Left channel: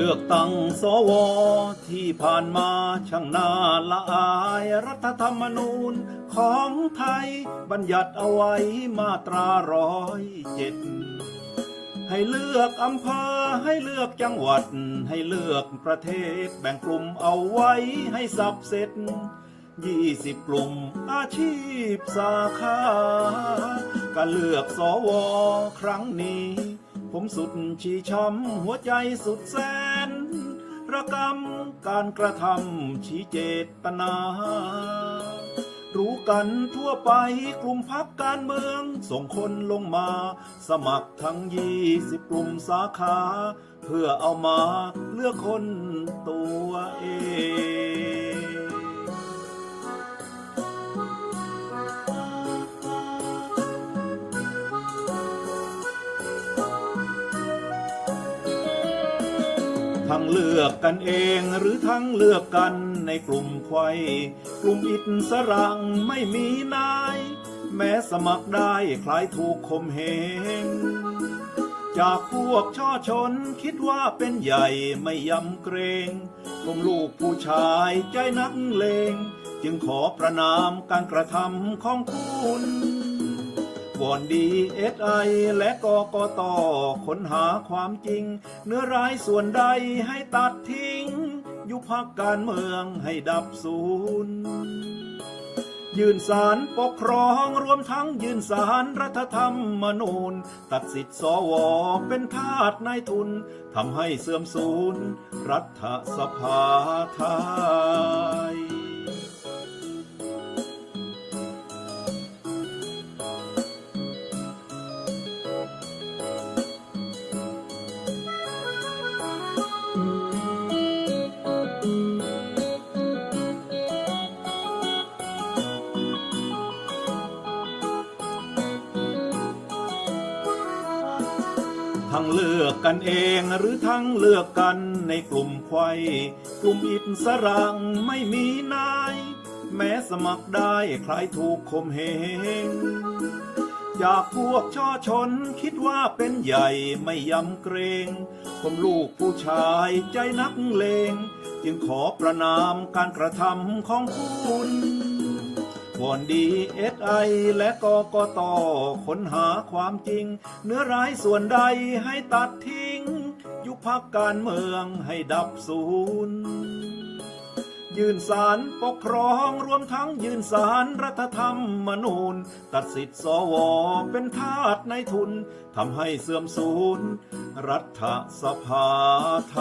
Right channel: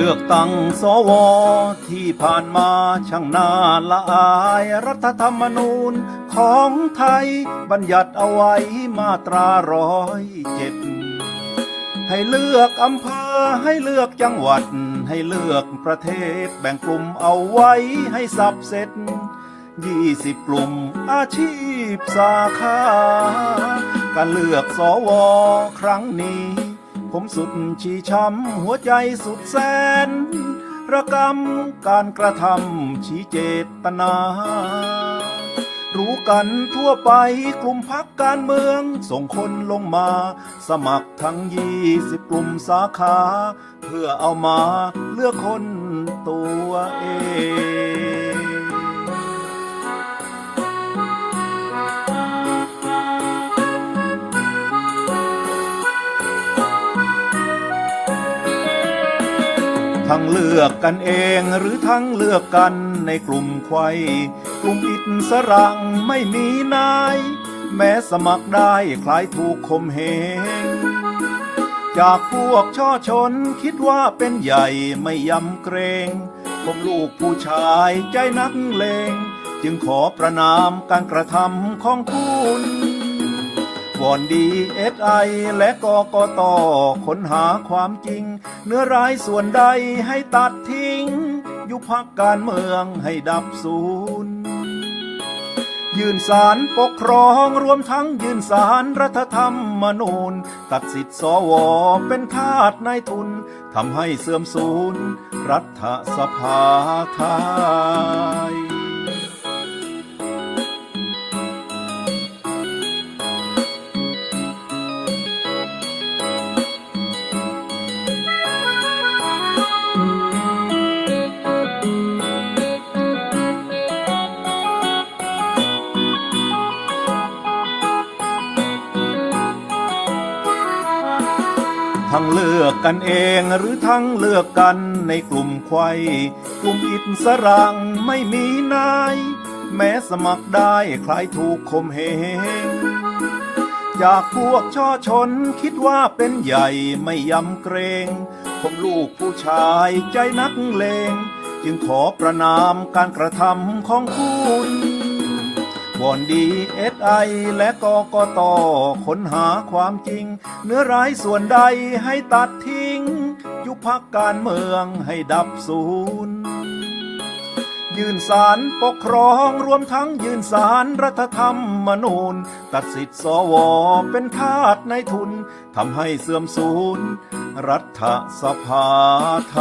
เลือกตั้งสวที่ผ่านมาช่างน่าละอาย รัฐธรรมนูญของไทยบัญญัติเอาไว้มาตราร้อยเจ็ดให้เลือกอำเภอให้เลือกจังหวัด ให้เลือกประเทศแบ่งกลุ่มเอาไว้ให้สับเสร็จยี่สิบกลุ่มอาชีพสาขาการเลือกสวครั้งนี้ ผมสุดชีช้ำหัวใจสุดแสน ระกำการกระทำชี้เจตนา รู้กันทั่วไปกลุ่มพักการเมือง ส่งคนลงมา สมัครทั้งยี่สิบกลุ่มสาขา เพื่อเอามาเลือกคนตัวเอง เลือกกันเองหรือทั้งเลือกกันในกลุ่มไขวกลุ่มอิสรังไม่มีนาย แม้สมัครได้คล้ายถูกคมเหงจากพวกช่อชนคิดว่าเป็นใหญ่ไม่ยำเกรงผมลูกผู้ชายใจนักเลง จึงขอประนามการกระทำของคุณ วอนดีเอสไอและกกตค้นหาความจริง เนื้อร้ายส่วนใดให้ตัดทิ้ง ยุบพักการเมืองให้ดับศูนย์ยื่นสารปกครองรวมทั้งยื่นสารรัฐธรรมนูญ ตัดสิทธิ์สวเป็นทาสนายทุนทำให้เสื่อมสูญรัฐสภาไทย ทั้งเลือกกันเองหรือทั้งเลือกกันในกลุ่มไขวกลุ่มอิสรังไม่มีนาย แม้สมัครได้ใครถูกคมเหงจากพวกช่อชนคิดว่าเป็นใหญ่ไม่ยำเกรงผมลูกผู้ชายใจนักเลง จึงขอประนามการกระทำของคุณ วอนดีเอสไอและกกตค้นหาความจริง เนื้อร้ายส่วนใดให้ตัดทิ้ง ยุบพักการเมืองให้ดับศูนย์ยื่นสารปกครองรวมทั้งยื่นสารรัฐธรรมนูญ ตัดสิทธิ์สวเป็นทาสในทุนทำให้เสื่อมสูญรัฐสภาไท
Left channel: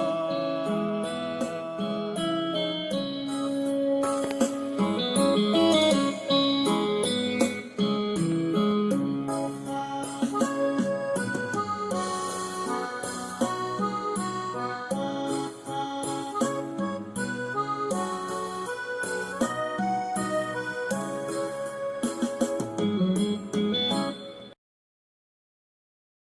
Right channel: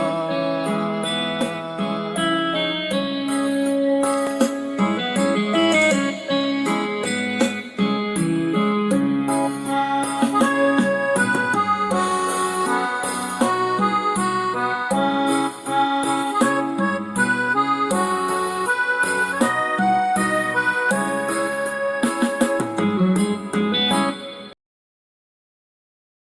ย